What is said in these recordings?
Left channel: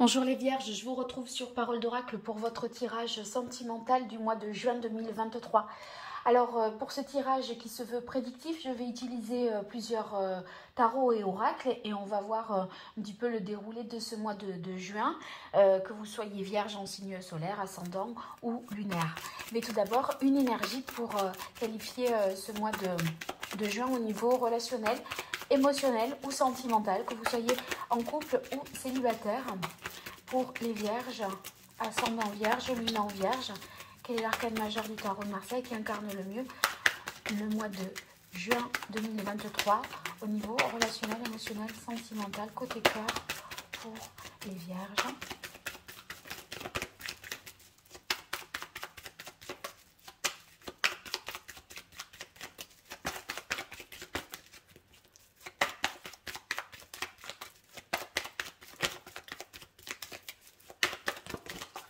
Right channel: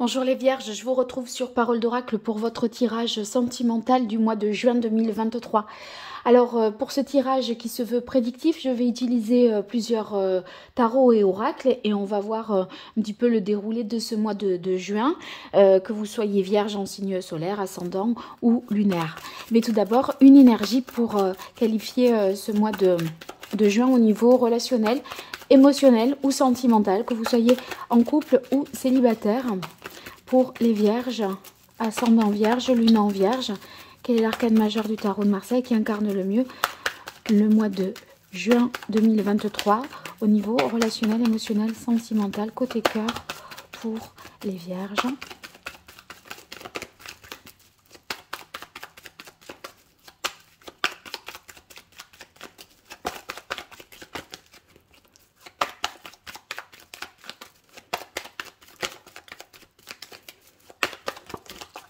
Bonjour les Vierges, je vous retrouve sur Parole d'Oracle pour votre tirage sentimental du mois de juin 2023. Alors pour ce tirage qui se veut prédictif, je vais utiliser plusieurs tarots et oracles et on va voir un petit peu le déroulé de ce mois de juin, que vous soyez Vierge en signe solaire, ascendant ou lunaire. Mais tout d'abord, une énergie pour qualifier ce mois de juin au niveau relationnel, émotionnel ou sentimental, que vous soyez en couple ou célibataire. Pour les Vierges, ascendant Vierge, lune en Vierge, quel est l'arcane majeur du tarot de Marseille qui incarne le mieux le mois de juin 2023 au niveau relationnel, émotionnel, sentimental, côté cœur pour les Vierges.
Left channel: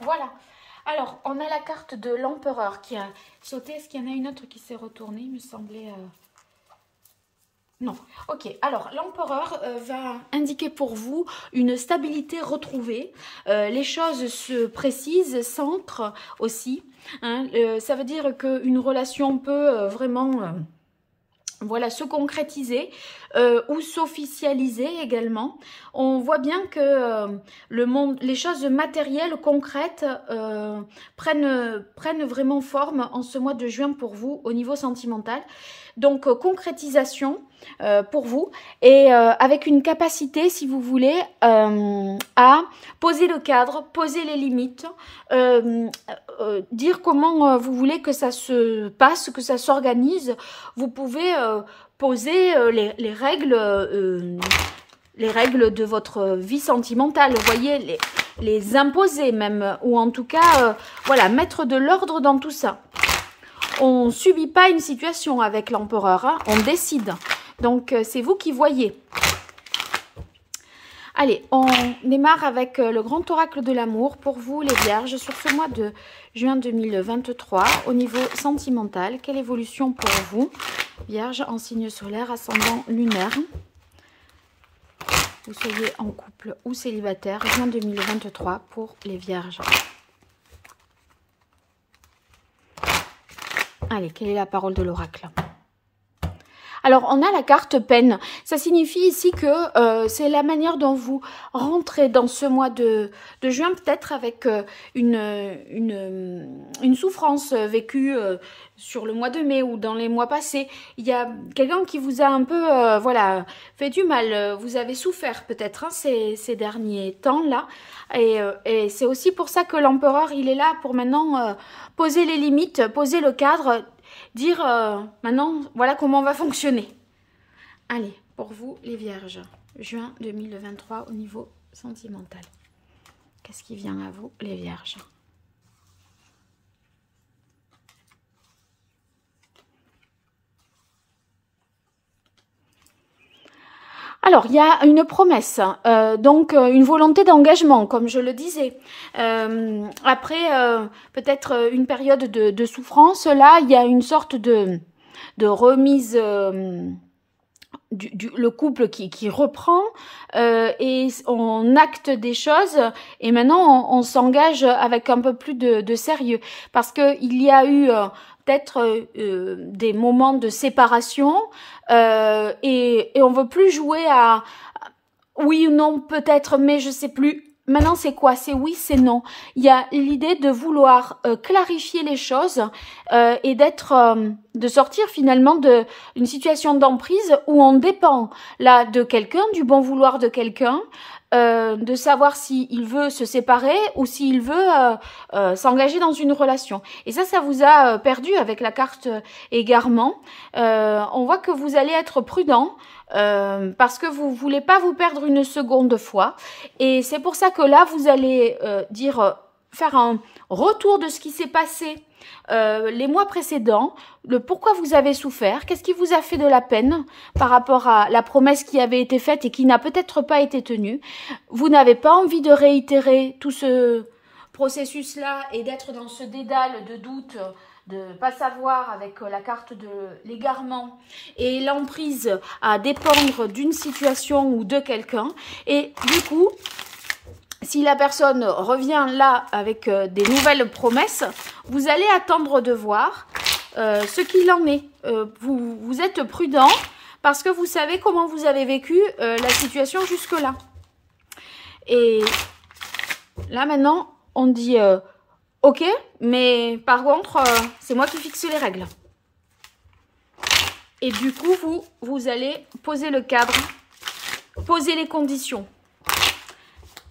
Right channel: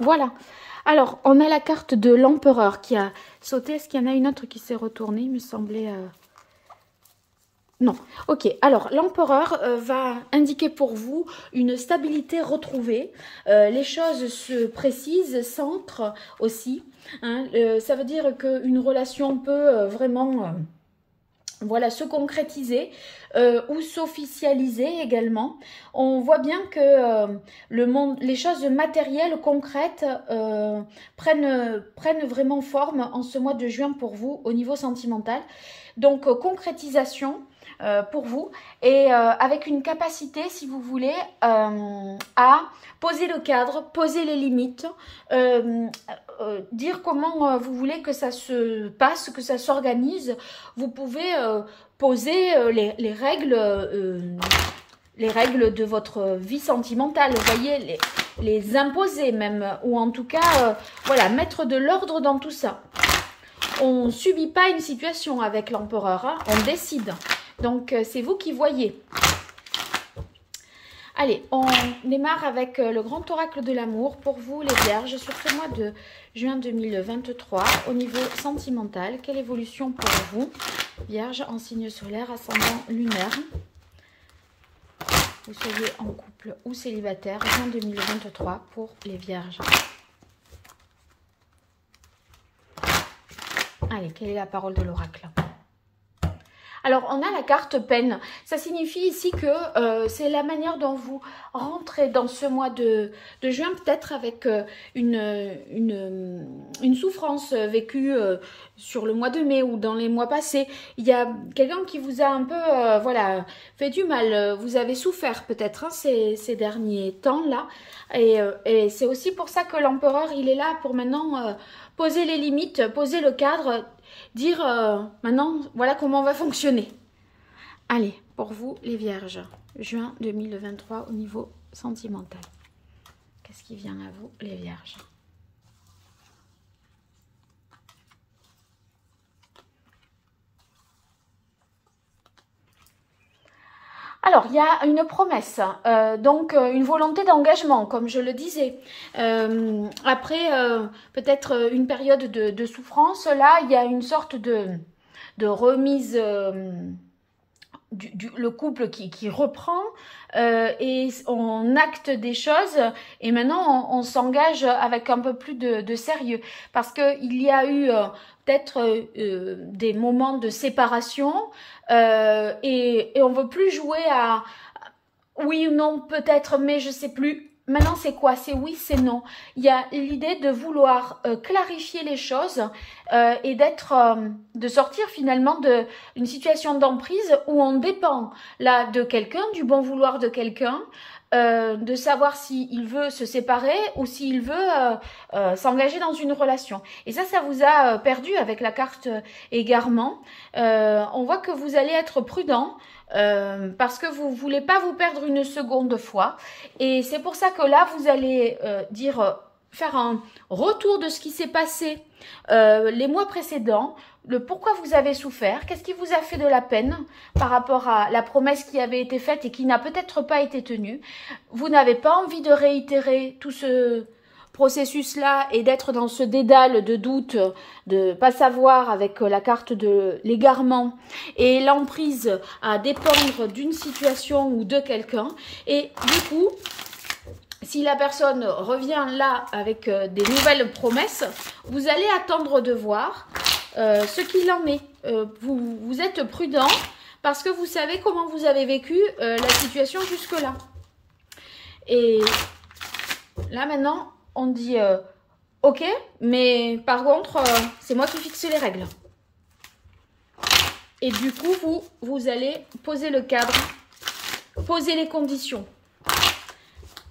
Voilà. Alors, on a la carte de l'empereur qui a sauté. Est-ce qu'il y en a une autre qui s'est retournée? Il me semblait... Non. Ok. Alors, l'empereur va indiquer pour vous une stabilité retrouvée. Les choses se précisent, s'ancrent aussi. Hein. Ça veut dire qu'une relation peut vraiment... voilà, se concrétiser ou s'officialiser également. On voit bien que les choses matérielles, concrètes, prennent vraiment forme en ce mois de juin pour vous au niveau sentimental. Donc, concrétisation pour vous et avec une capacité, si vous voulez, à poser le cadre, poser les limites, dire comment vous voulez que ça se passe, que ça s'organise. Vous pouvez poser les règles de votre vie sentimentale, vous voyez, les imposer même, ou en tout cas, voilà, mettre de l'ordre dans tout ça. On ne subit pas une situation avec l'empereur, hein, on décide. Donc, c'est vous qui voyez. Allez, on démarre avec le grand oracle de l'amour pour vous les Vierges sur ce mois de juin 2023 au niveau sentimental. Quelle évolution pour vous, Vierge en signe solaire, ascendant lunaire? Vous soyez en couple ou célibataire, juin 2023 pour les Vierges. Allez, quelle est la parole de l'oracle? Alors, on a la carte peine. Ça signifie ici que c'est la manière dont vous rentrez dans ce mois de juin, peut-être avec une souffrance vécue sur le mois de mai ou dans les mois passés. Il y a quelqu'un qui vous a un peu voilà, fait du mal. Vous avez souffert peut-être hein, ces derniers temps-là. Et c'est aussi pour ça que l'empereur, il est là pour maintenant poser les limites, poser le cadre, dire maintenant, voilà comment on va fonctionner. Allez, pour vous les Vierges, juin 2023 au niveau sentimental. Qu'est-ce qui vient à vous les Vierges? Alors, il y a une promesse, donc une volonté d'engagement, comme je le disais. Après, peut-être une période de souffrance, là, il y a une sorte de remise, le couple qui reprend et on acte des choses et maintenant on s'engage avec un peu plus de sérieux. Parce qu'il y a eu peut-être des moments de séparation et on veut plus jouer à oui ou non peut-être mais je sais plus. Maintenant c'est quoi? C'est oui, c'est non. Il y a l'idée de vouloir clarifier les choses et de sortir finalement d'une situation d'emprise où on dépend là de quelqu'un, du bon vouloir de quelqu'un. De savoir s'il veut se séparer ou s'il veut s'engager dans une relation. Et ça vous a perdu avec la carte égarement. On voit que vous allez être prudent parce que vous ne voulez pas vous perdre une seconde fois. Et c'est pour ça que là, vous allez faire un retour de ce qui s'est passé les mois précédents, le pourquoi vous avez souffert, qu'est-ce qui vous a fait de la peine par rapport à la promesse qui avait été faite et qui n'a peut-être pas été tenue. Vous n'avez pas envie de réitérer tout ce processus-là et d'être dans ce dédale de doute, de pas savoir avec la carte de l'égarement et l'emprise à dépendre d'une situation ou de quelqu'un. Et du coup, si la personne revient là avec des nouvelles promesses, vous allez attendre de voir ce qu'il en est. Vous êtes prudent parce que vous savez comment vous avez vécu la situation jusque-là. Et là, maintenant, on dit ok, mais par contre, c'est moi qui fixe les règles. Et du coup, vous allez poser le cadre, poser les conditions.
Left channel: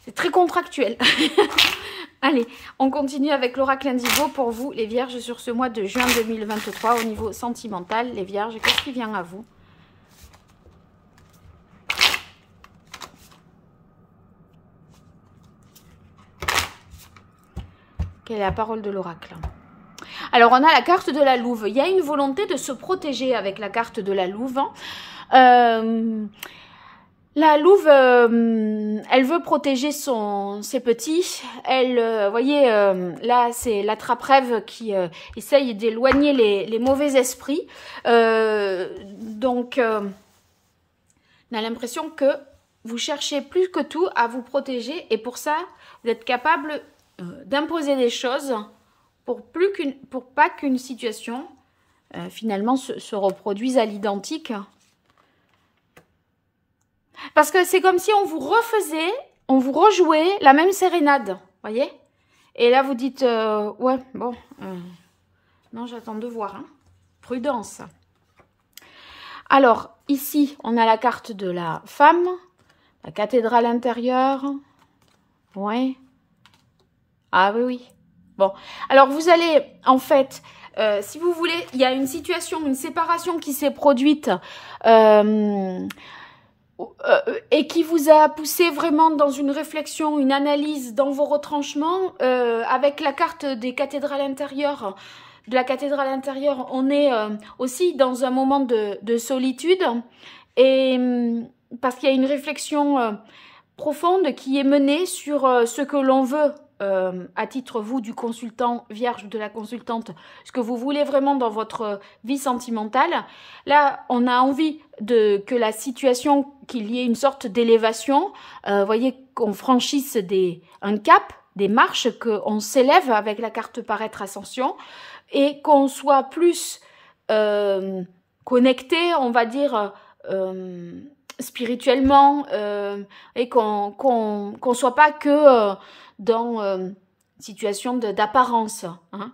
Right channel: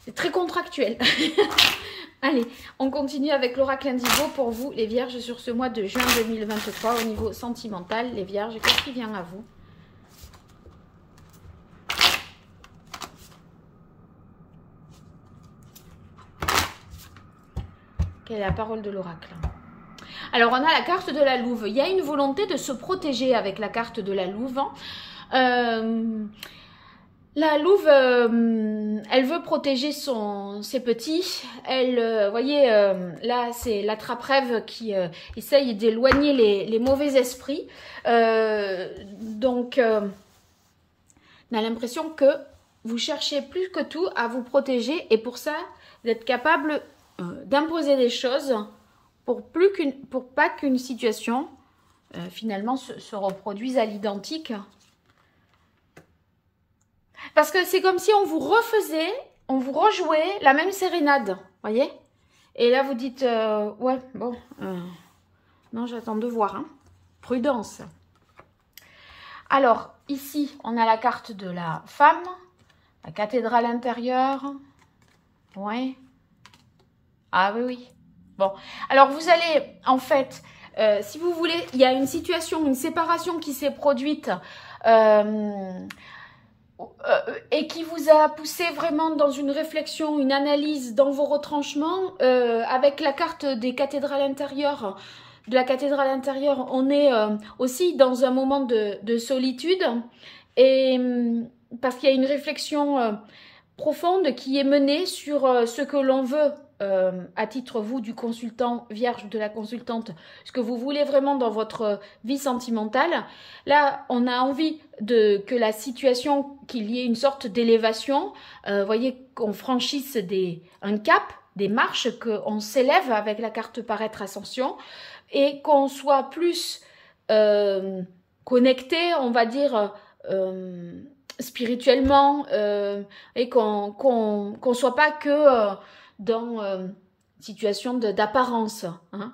C'est très contractuel. Allez, on continue avec l'oracle indigo pour vous, les vierges, sur ce mois de juin 2023 au niveau sentimental. Les vierges, qu'est-ce qui vient à vous? Quelle est la parole de l'oracle? Alors, on a la carte de la louve. Il y a une volonté de se protéger avec la carte de la louve. La louve, elle veut protéger ses petits. Elle, vous voyez, là, c'est l'attrape-rêve qui essaye d'éloigner les mauvais esprits. Donc, on a l'impression que vous cherchez plus que tout à vous protéger. Et pour ça, vous êtes capable d'imposer des choses pour pas qu'une situation, finalement, se reproduise à l'identique. Parce que c'est comme si on vous refaisait, on vous rejouait la même sérénade, voyez? Et là, vous dites, ouais, bon, non, j'attends de voir, hein. Prudence. Alors, ici, on a la carte de la femme, la cathédrale intérieure, ouais. Ah oui, oui. Bon, alors vous allez, en fait, si vous voulez, il y a une situation, une séparation qui s'est produite et qui vous a poussé vraiment dans une réflexion, une analyse dans vos retranchements. Avec la carte des cathédrales intérieures, de la cathédrale intérieure, on est aussi dans un moment de solitude, et parce qu'il y a une réflexion profonde qui est menée sur ce que l'on veut. À titre, vous, du consultant vierge, de la consultante, ce que vous voulez vraiment dans votre vie sentimentale. Là, on a envie que la situation, qu'il y ait une sorte d'élévation, voyez, qu'on franchisse un cap, des marches, qu'on s'élève avec la carte paraître ascension, et qu'on soit plus connecté, on va dire, spirituellement, et qu'on soit pas que dans situation d'apparence, hein.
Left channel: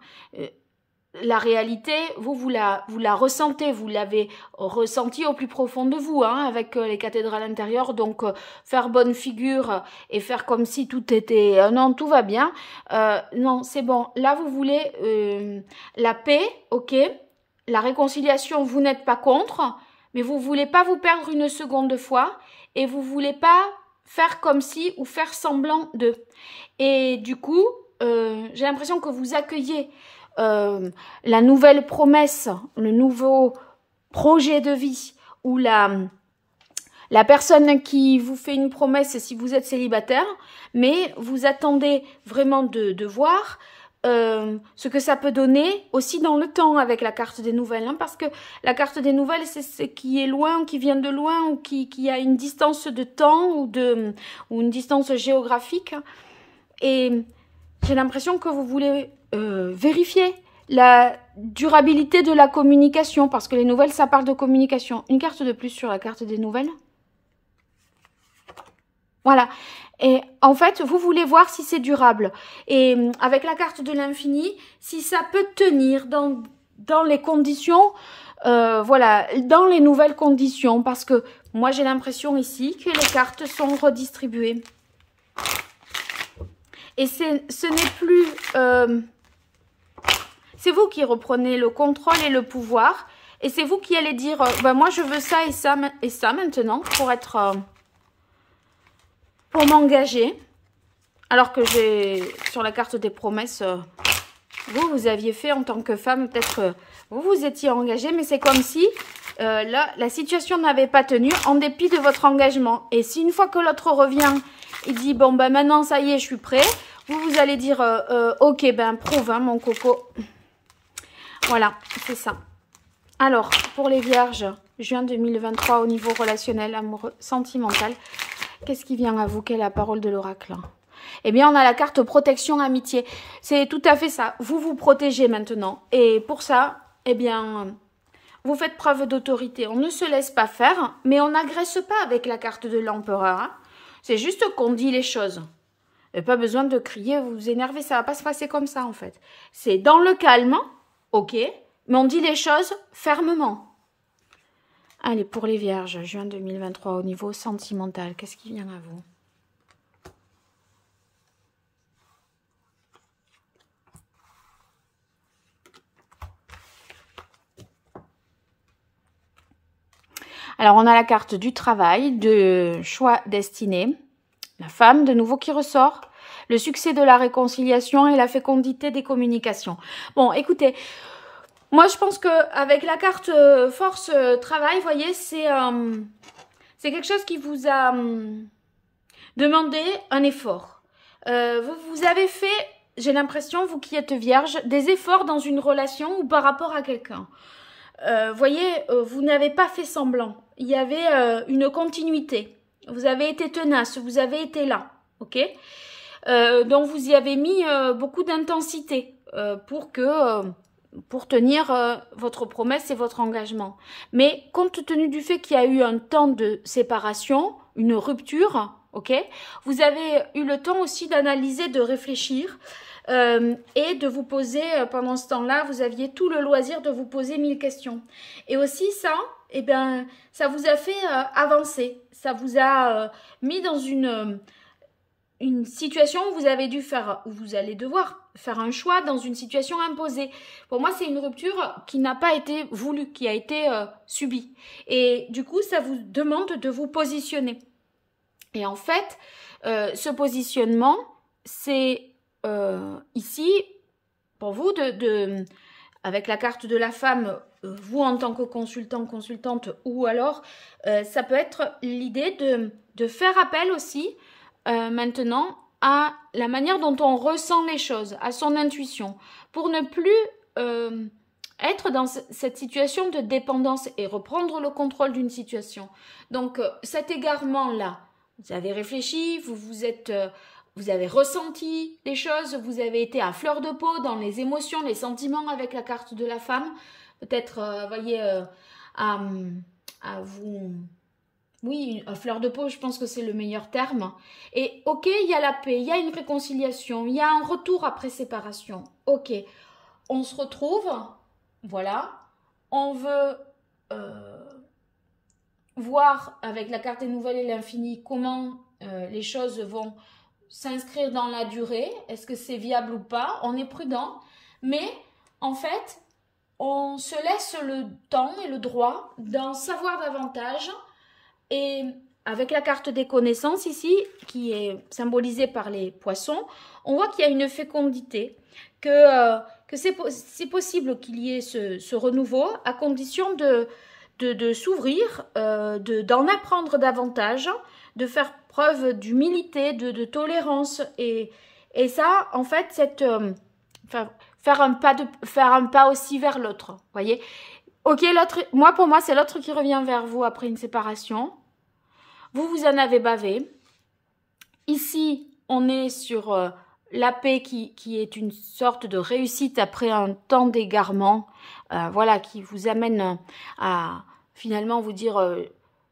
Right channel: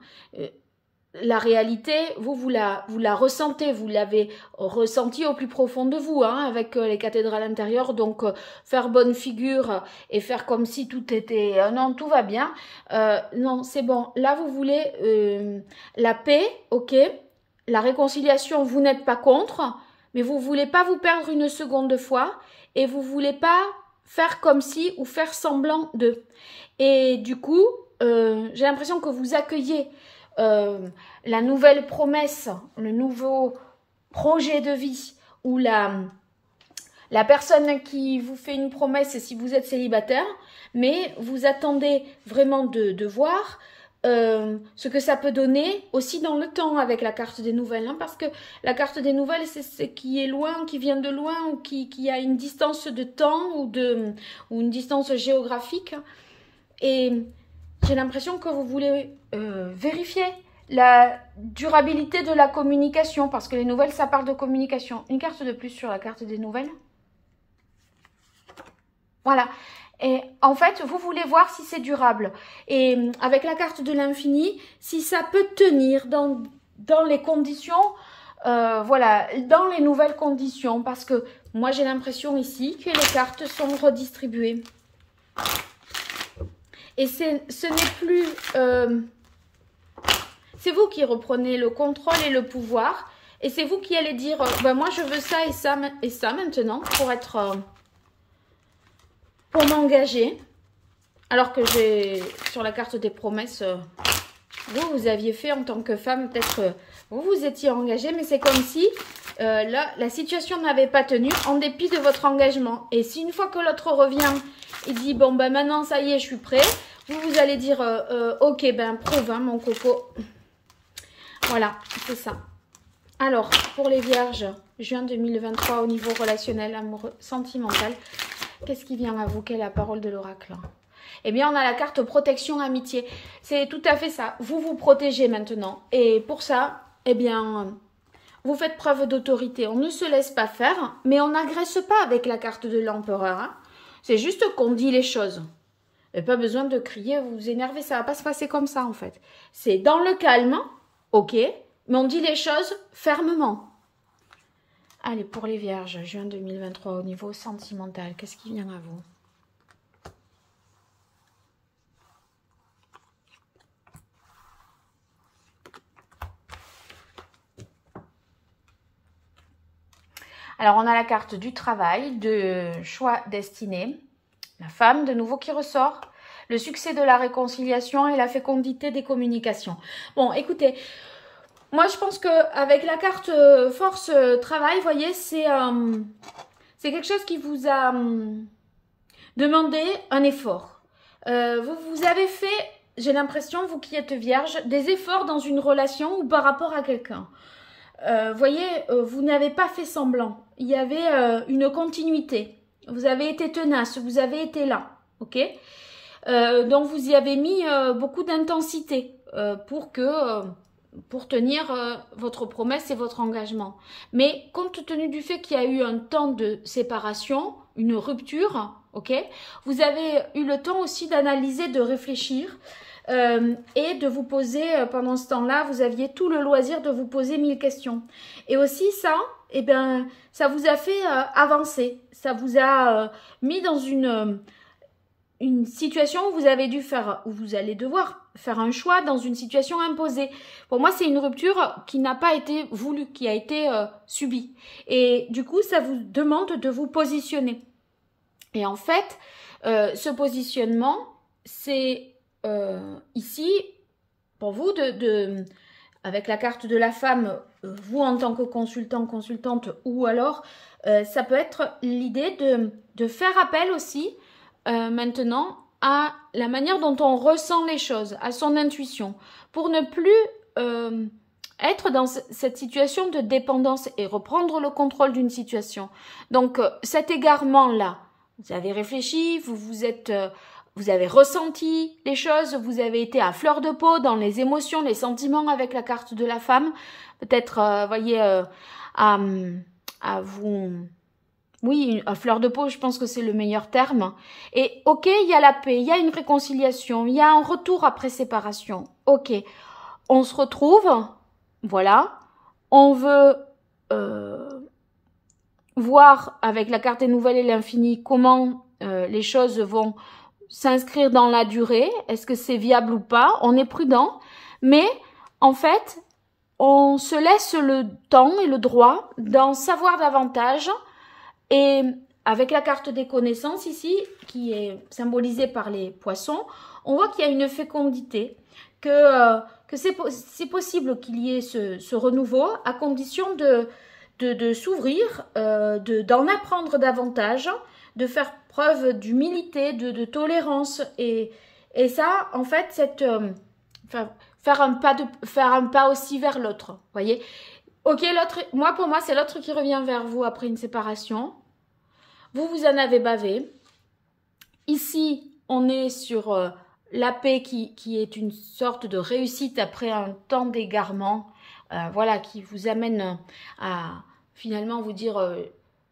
La réalité, vous la ressentez, vous l'avez ressenti au plus profond de vous, hein, avec les cathédrales intérieures. Donc, faire bonne figure et faire comme si tout était... non, tout va bien. Non, c'est bon. Là, vous voulez la paix, ok. La réconciliation, vous n'êtes pas contre, mais vous ne voulez pas vous perdre une seconde fois et vous ne voulez pas faire comme si ou faire semblant de... Et du coup, j'ai l'impression que vous accueillez la nouvelle promesse, le nouveau projet de vie, ou la personne qui vous fait une promesse si vous êtes célibataire, mais vous attendez vraiment de voir ce que ça peut donner aussi dans le temps avec la carte des nouvelles, hein, parce que la carte des nouvelles, c'est ce qui est loin, qui vient de loin, ou qui a une distance de temps ou une distance géographique. Et j'ai l'impression que vous voulez vérifier la durabilité de la communication, parce que les nouvelles, ça parle de communication. Une carte de plus sur la carte des nouvelles. Voilà. Et en fait, vous voulez voir si c'est durable. Et avec la carte de l'infini, si ça peut tenir dans les conditions, voilà, dans les nouvelles conditions. Parce que moi, j'ai l'impression ici que les cartes sont redistribuées. Et ce n'est plus... c'est vous qui reprenez le contrôle et le pouvoir. Et c'est vous qui allez dire, ben moi je veux ça et ça maintenant pour être... pour m'engager. Alors que j'ai, sur la carte des promesses, vous aviez fait en tant que femme, peut-être vous étiez engagée, mais c'est comme si là, la situation n'avait pas tenu en dépit de votre engagement. Et si une fois que l'autre revient... Il dit, bon, ben maintenant, ça y est, je suis prêt. Vous allez dire, ok, ben prouve, hein, mon coco. Voilà, c'est ça. Alors, pour les vierges, juin 2023, au niveau relationnel, amoureux, sentimental, qu'est-ce qui vient à vous? Quelle est la parole de l'oracle? eh bien, on a la carte protection amitié. C'est tout à fait ça. Vous vous protégez maintenant. Et pour ça, eh bien, vous faites preuve d'autorité. On ne se laisse pas faire, mais on n'agresse pas avec la carte de l'empereur. Hein. C'est juste qu'on dit les choses. Et pas besoin de crier, vous énerver, ça va pas se passer comme ça, en fait. C'est dans le calme, ok, mais on dit les choses fermement. Allez, pour les vierges, juin 2023, au niveau sentimental, qu'est-ce qui vient à vous? Alors, on a la carte du travail, de choix destiné, la femme de nouveau qui ressort, le succès de la réconciliation et la fécondité des communications. Bon, écoutez, moi je pense qu'avec la carte force travail, vous voyez, c'est quelque chose qui vous a demandé un effort. Vous avez fait, j'ai l'impression, vous qui êtes vierge, des efforts dans une relation ou par rapport à quelqu'un. Voyez, vous n'avez pas fait semblant. Il y avait une continuité. Vous avez été tenace, vous avez été là, ok? Donc vous y avez mis beaucoup d'intensité pour tenir votre promesse et votre engagement. Mais compte tenu du fait qu'il y a eu un temps de séparation, une rupture, ok? Vous avez eu le temps aussi d'analyser, de réfléchir. Et de vous poser, pendant ce temps-là, vous aviez tout le loisir de vous poser 1000 questions. Et aussi ça, eh bien, ça vous a fait avancer. Ça vous a mis dans une situation où vous avez dû faire, où vous allez devoir faire un choix dans une situation imposée. Pour moi, c'est une rupture qui n'a pas été voulue, qui a été subie. Et du coup, ça vous demande de vous positionner. Et en fait, ce positionnement, c'est ici, pour vous, avec la carte de la femme, vous en tant que consultant, consultante, ou alors, ça peut être l'idée de faire appel aussi, maintenant, à la manière dont on ressent les choses, à son intuition, pour ne plus être dans cette situation de dépendance et reprendre le contrôle d'une situation. Donc, cet égarement-là, vous avez réfléchi, vous avez ressenti les choses, vous avez été à fleur de peau dans les émotions, les sentiments avec la carte de la femme. Peut-être, voyez, à vous... Oui, à fleur de peau, je pense que c'est le meilleur terme. Et ok, il y a la paix, il y a une réconciliation, il y a un retour après séparation. Ok, on se retrouve, voilà. On veut voir avec la carte des nouvelles et l'infini comment les choses vont s'inscrire dans la durée, est-ce que c'est viable ou pas, on est prudent, mais en fait, on se laisse le temps et le droit d'en savoir davantage, et avec la carte des connaissances ici, qui est symbolisée par les poissons, on voit qu'il y a une fécondité, que c'est possible qu'il y ait ce renouveau, à condition de s'ouvrir, d'en apprendre davantage, de faire preuve d'humilité, de tolérance, et ça, en fait, faire un pas aussi vers l'autre, voyez. Ok, l'autre, pour moi, c'est l'autre qui revient vers vous après une séparation. Vous en avez bavé. Ici, on est sur la paix qui est une sorte de réussite après un temps d'égarement, voilà, qui vous amène à finalement vous dire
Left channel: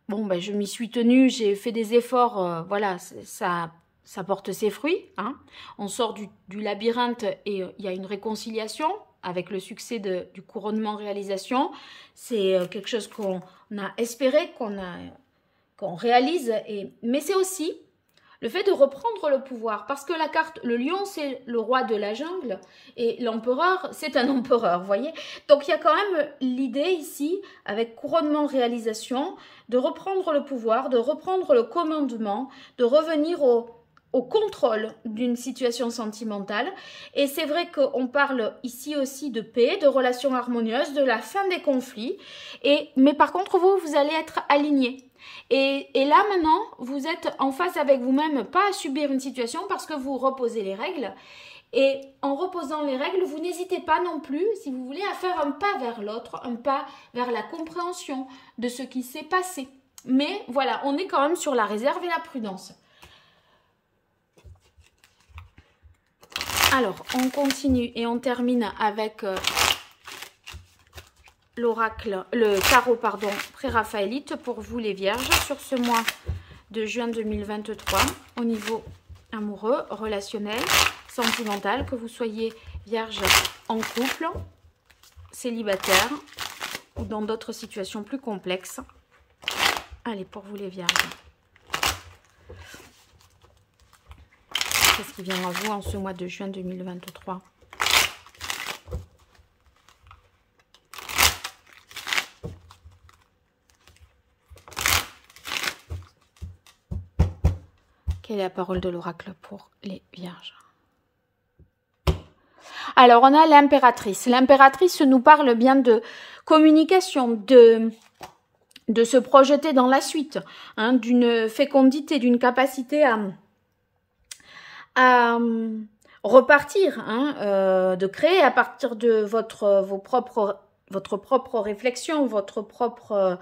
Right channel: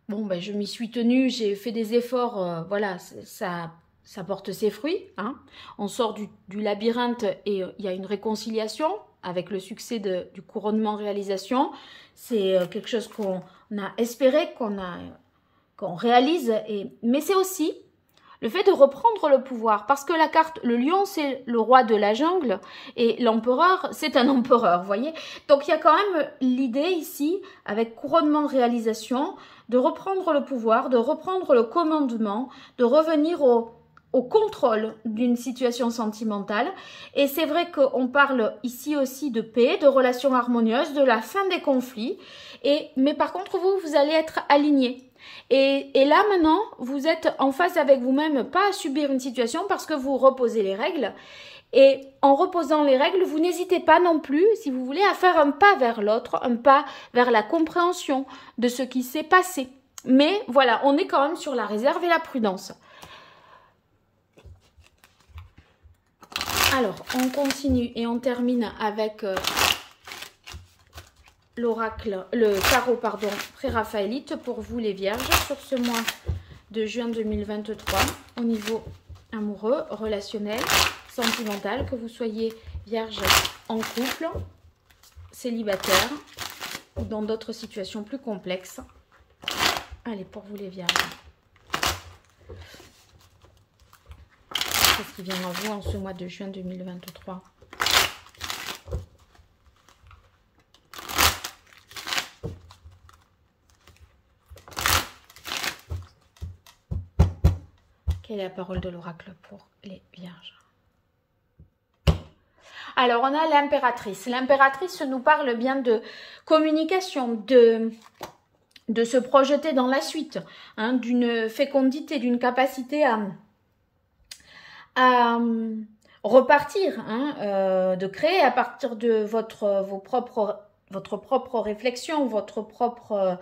bon, ben, je m'y suis tenue, j'ai fait des efforts, voilà, ça porte ses fruits. Hein. On sort du labyrinthe et il y a une réconciliation avec le succès du couronnement réalisation. C'est quelque chose qu'on a espéré, qu'on réalise. Mais c'est aussi le fait de reprendre le pouvoir. Parce que la carte, le lion, c'est le roi de la jungle. Et l'empereur, c'est un empereur, vous voyez. Donc, il y a quand même l'idée ici, avec couronnement réalisation, de reprendre le pouvoir, de reprendre le commandement, de revenir au contrôle d'une situation sentimentale. Et c'est vrai qu'on parle ici aussi de paix, de relations harmonieuses, de la fin des conflits. Mais par contre, vous allez être alignés. Et là, maintenant, vous êtes en phase avec vous-même, pas à subir une situation parce que vous reposez les règles. Et en reposant les règles, vous n'hésitez pas non plus, si vous voulez, à faire un pas vers l'autre, un pas vers la compréhension de ce qui s'est passé. Mais voilà, on est quand même sur la réserve et la prudence. Alors, on continue et on termine avec l'oracle, le tarot, pardon, pré-raphaélite pour vous les vierges sur ce mois de juin 2023 au niveau amoureux, relationnel, sentimental, que vous soyez vierge en couple, célibataire ou dans d'autres situations plus complexes. Allez, pour vous les vierges. Qu'est-ce qui vient à vous en ce mois de juin 2023? Quelle est la parole de l'oracle pour les vierges? Alors, on a l'impératrice. L'impératrice nous parle bien de communication, de se projeter dans la suite, hein, d'une fécondité, d'une capacité à repartir, hein, de créer à partir de votre propre réflexion, votre propre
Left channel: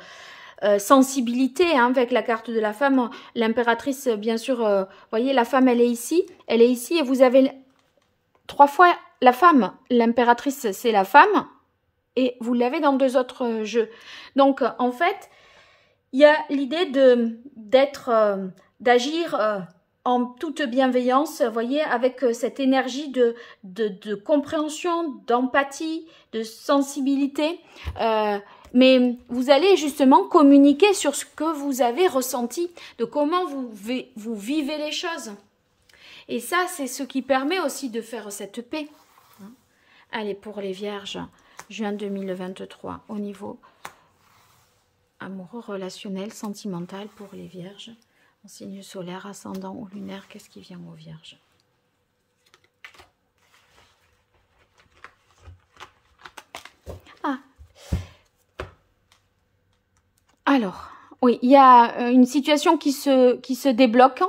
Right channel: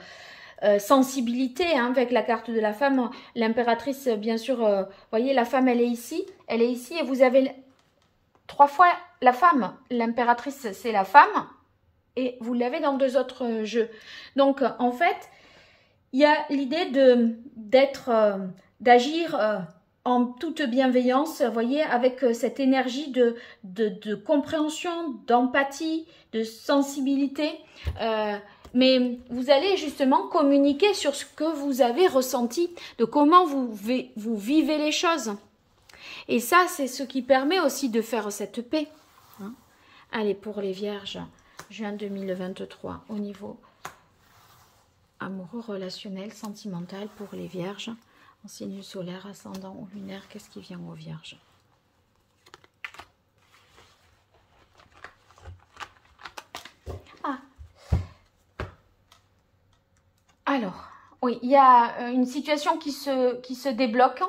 sensibilité, hein, avec la carte de la femme. L'impératrice, bien sûr, voyez, la femme, elle est ici et vous avez 3 fois la femme. L'impératrice, c'est la femme et vous l'avez dans 2 autres jeux. Donc, en fait, il y a l'idée d'agir en toute bienveillance, vous voyez, avec cette énergie de compréhension, d'empathie, de sensibilité. Mais vous allez justement communiquer sur ce que vous avez ressenti, de comment vous vivez les choses. Et ça, c'est ce qui permet aussi de faire cette paix. Hein. Allez, pour les vierges, juin 2023, au niveau amoureux, relationnel, sentimental, pour les vierges, en signe solaire, ascendant ou lunaire, qu'est-ce qui vient aux vierges? Alors, oui, il y a une situation qui se débloque,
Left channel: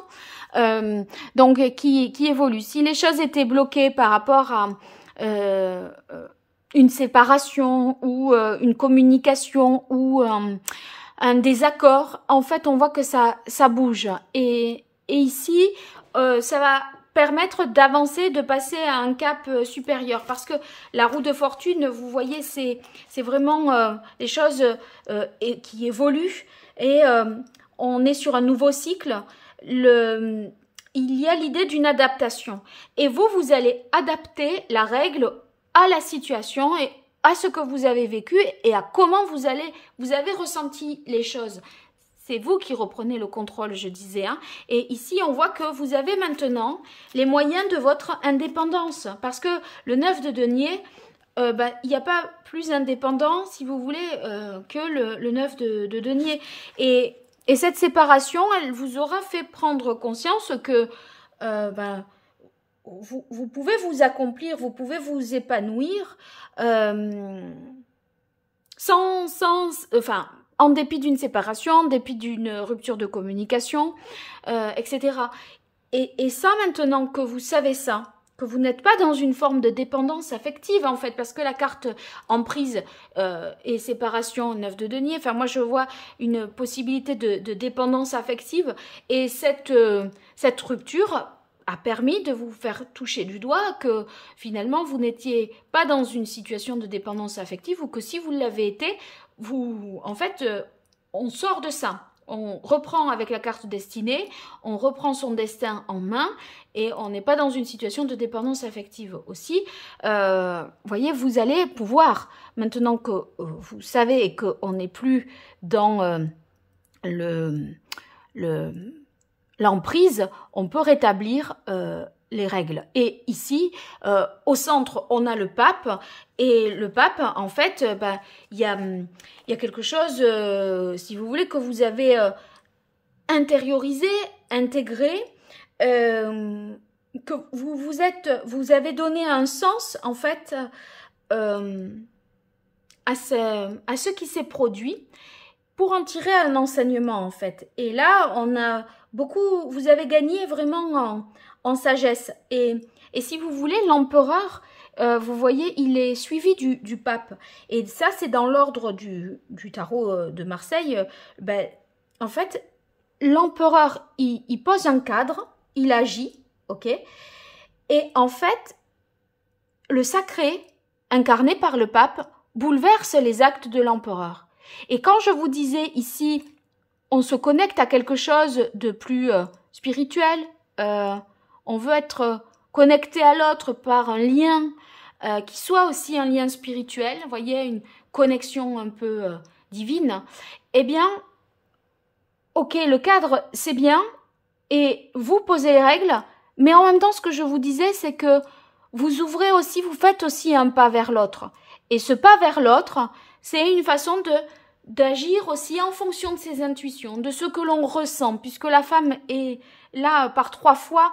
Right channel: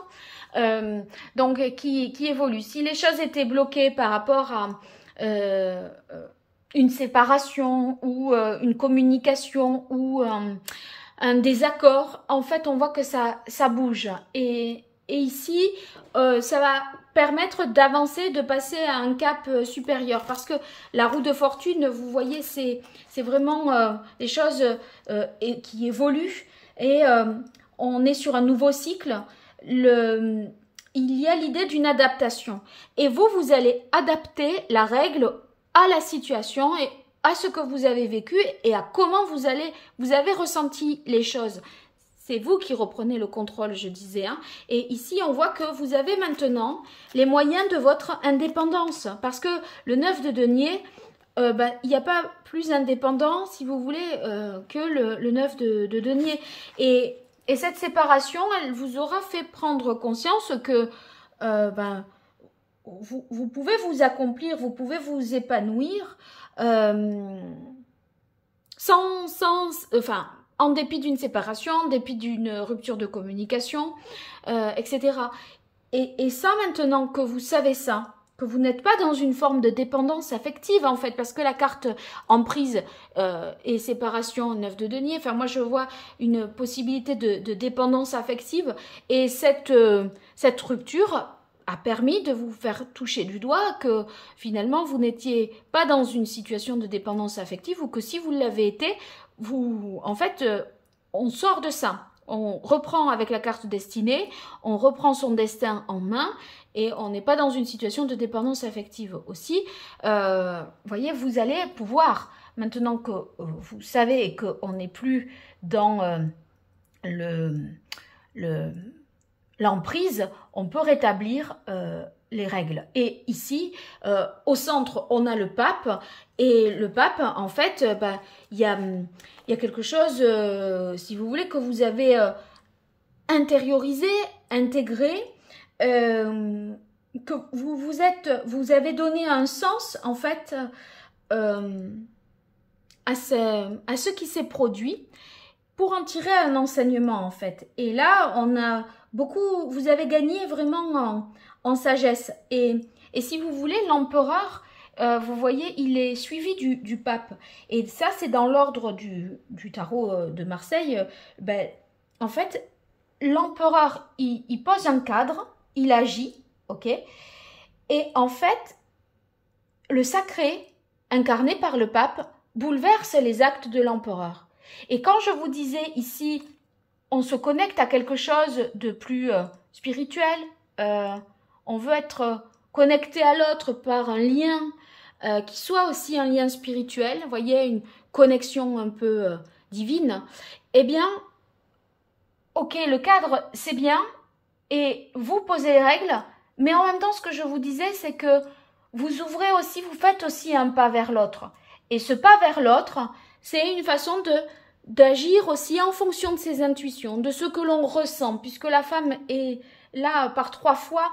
donc qui évolue. Si les choses étaient bloquées par rapport à une séparation ou une communication ou un désaccord, en fait, on voit que ça bouge. Et ici, ça va permettre d'avancer, de passer à un cap supérieur. Parce que la roue de fortune, vous voyez, c'est vraiment des choses qui évoluent. Et on est sur un nouveau cycle. Il y a l'idée d'une adaptation. Et vous allez adapter la règle à la situation et à ce que vous avez vécu et à comment vous avez ressenti les choses. C'est vous qui reprenez le contrôle, je disais. Hein. Et ici, on voit que vous avez maintenant les moyens de votre indépendance. Parce que le 9 de denier, il n'y a pas plus indépendant, si vous voulez, que le 9 de denier. Et cette séparation, elle vous aura fait prendre conscience que vous pouvez vous accomplir, vous pouvez vous épanouir en dépit d'une séparation, en dépit d'une rupture de communication, etc. Et ça, maintenant que vous savez ça, que vous n'êtes pas dans une forme de dépendance affective, en fait, parce que la carte emprise et séparation, 9 de denier, enfin, moi, je vois une possibilité de dépendance affective, et cette rupture a permis de vous faire toucher du doigt que finalement vous n'étiez pas dans une situation de dépendance affective, ou que si vous l'avez été, en fait, on sort de ça. On reprend avec la carte destinée, on reprend son destin en main et on n'est pas dans une situation de dépendance affective aussi. Voyez, vous allez pouvoir, maintenant que vous savez et qu'on n'est plus dans l'emprise, on peut rétablir les règles. Et ici, au centre, on a le pape. Et le pape, en fait, il y a quelque chose, si vous voulez, que vous avez intériorisé, intégré, que vous avez donné un sens, en fait, à ce qui s'est produit, pour en tirer un enseignement, en fait. Et là, vous avez gagné vraiment en sagesse. Et si vous voulez, l'empereur, vous voyez, il est suivi du pape. Et ça, c'est dans l'ordre du tarot de Marseille. En fait, l'empereur, il pose un cadre, il agit, ok? Et en fait, le sacré, incarné par le pape, bouleverse les actes de l'empereur. Et quand je vous disais ici, on se connecte à quelque chose de plus spirituel, on veut être connecté à l'autre par un lien qui soit aussi un lien spirituel, vous voyez, une connexion un peu divine, eh bien, ok, le cadre, c'est bien, et vous posez les règles, mais en même temps, ce que je vous disais, c'est que vous ouvrez aussi, vous faites aussi un pas vers l'autre. Et ce pas vers l'autre, c'est une façon d'agir aussi en fonction de ses intuitions, de ce que l'on ressent, puisque la femme est là par 3 fois.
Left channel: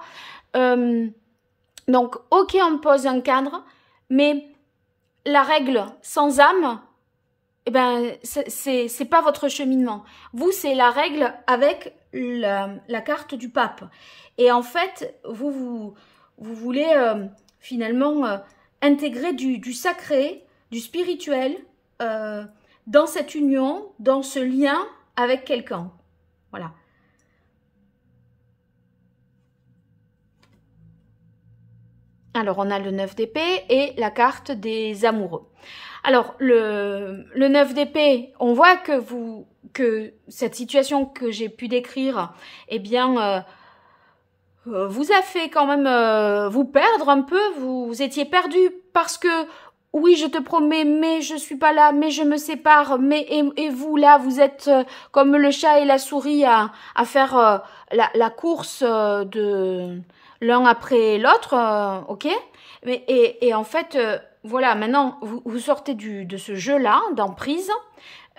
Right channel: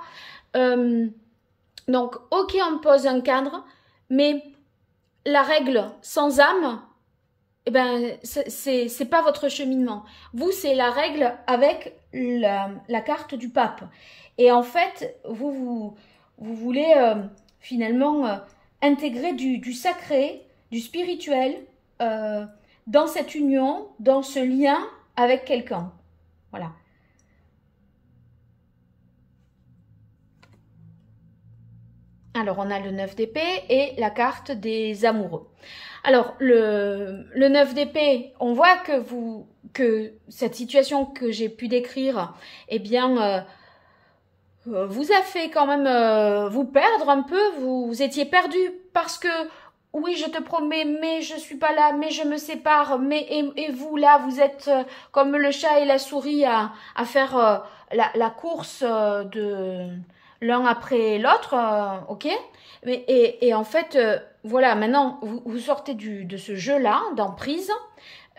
Donc, ok, on pose un cadre, mais la règle sans âme, eh ben, c'est pas votre cheminement. Vous, c'est la règle avec la carte du pape. Et en fait, vous voulez finalement intégrer du sacré, du spirituel dans cette union, dans ce lien avec quelqu'un. Voilà. Alors, on a le 9 d'épée et la carte des amoureux. Alors, le 9 d'épée, on voit que cette situation que j'ai pu décrire, eh bien, vous a fait quand même vous perdre un peu. Vous étiez perdu parce que, oui, je te promets, mais je suis pas là, mais je me sépare, mais et vous, là, vous êtes comme le chat et la souris à faire la course de l'un après l'autre, ok? Et en fait, voilà, maintenant, vous sortez de ce jeu-là, d'emprise,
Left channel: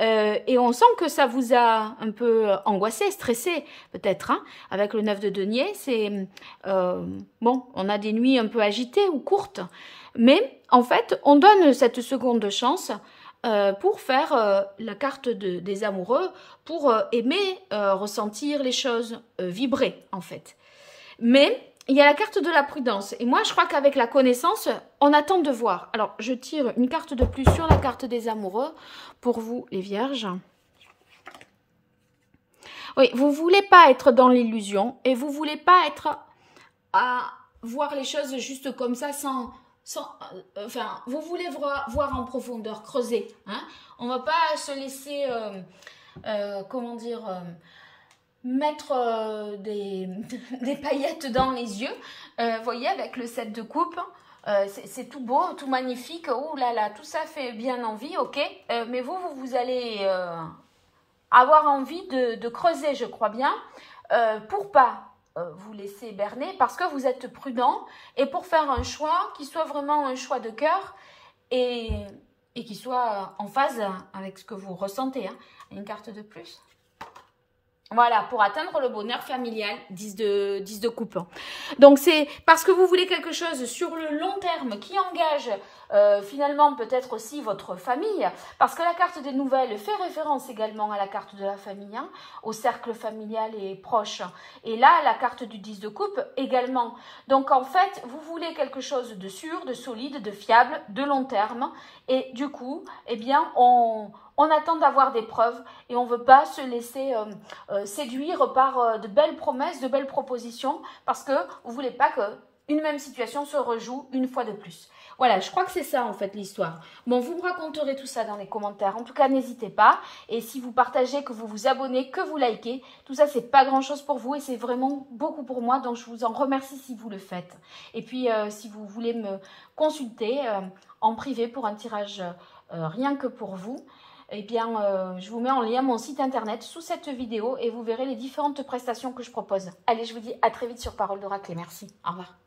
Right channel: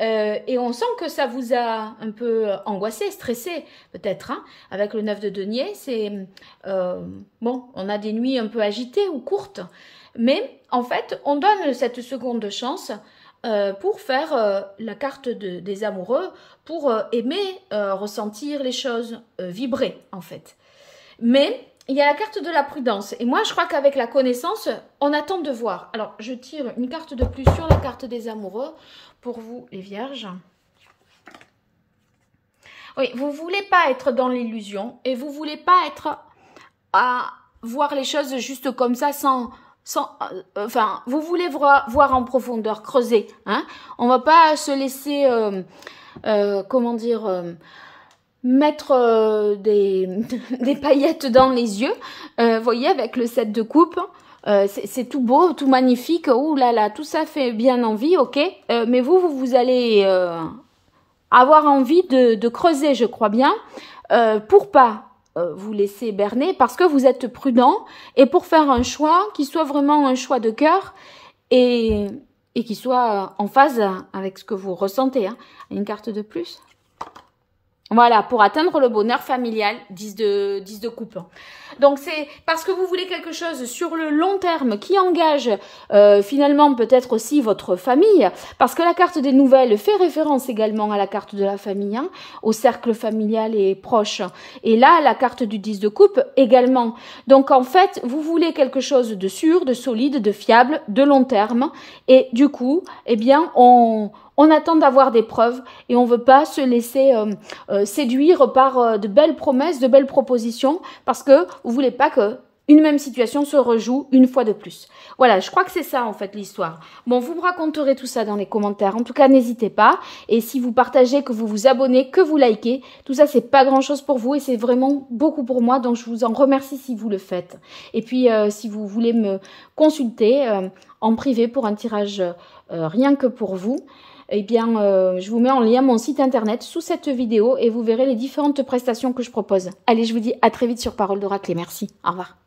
et on sent que ça vous a un peu angoissé, stressé, peut-être, hein, avec le 9 de denier. C'est, bon, on a des nuits un peu agitées ou courtes, mais en fait, on donne cette seconde chance pour faire la carte des amoureux, pour aimer, ressentir les choses, vibrer, en fait. Mais il y a la carte de la prudence. Et moi, je crois qu'avec la connaissance, on attend de voir. Alors, je tire une carte de plus sur la carte des amoureux pour vous, les vierges. Oui, vous ne voulez pas être dans l'illusion et vous ne voulez pas être à voir les choses juste comme ça enfin, vous voulez voir en profondeur, creuser. Hein. On ne va pas se laisser, comment dire... mettre des paillettes dans les yeux, vous voyez, avec le 7 de coupe, c'est tout beau, tout magnifique, ouh là là, tout ça fait bien envie, ok, mais vous allez avoir envie de creuser, je crois bien, pour pas vous laisser berner, parce que vous êtes prudent, et pour faire un choix qui soit vraiment un choix de cœur, et qui soit en phase avec ce que vous ressentez, hein. Une carte de plus. Voilà, pour atteindre le bonheur familial, 10 de coupe. Donc, c'est parce que vous voulez quelque chose sur le long terme qui engage finalement peut-être aussi votre famille. Parce que la carte des nouvelles fait référence également à la carte de la famille, hein, au cercle familial et proche. Et là, la carte du 10 de coupe également. Donc, en fait, vous voulez quelque chose de sûr, de solide, de fiable, de long terme. Et du coup, eh bien, on attend d'avoir des preuves et on ne veut pas se laisser séduire par de belles promesses, de belles propositions, parce que vous ne voulez pas qu'une même situation se rejoue une fois de plus. Voilà, je crois que c'est ça en fait l'histoire. Bon, vous me raconterez tout ça dans les commentaires. En tout cas, n'hésitez pas. Et si vous partagez, que vous vous abonnez, que vous likez, tout ça, c'est pas grand-chose pour vous et c'est vraiment beaucoup pour moi. Donc, je vous en remercie si vous le faites. Et puis, si vous voulez me consulter en privé pour un tirage rien que pour vous, eh bien, je vous mets en lien mon site internet sous cette vidéo et vous verrez les différentes prestations que je propose. Allez, je vous dis à très vite sur Parole d'Oracle et merci. Au revoir.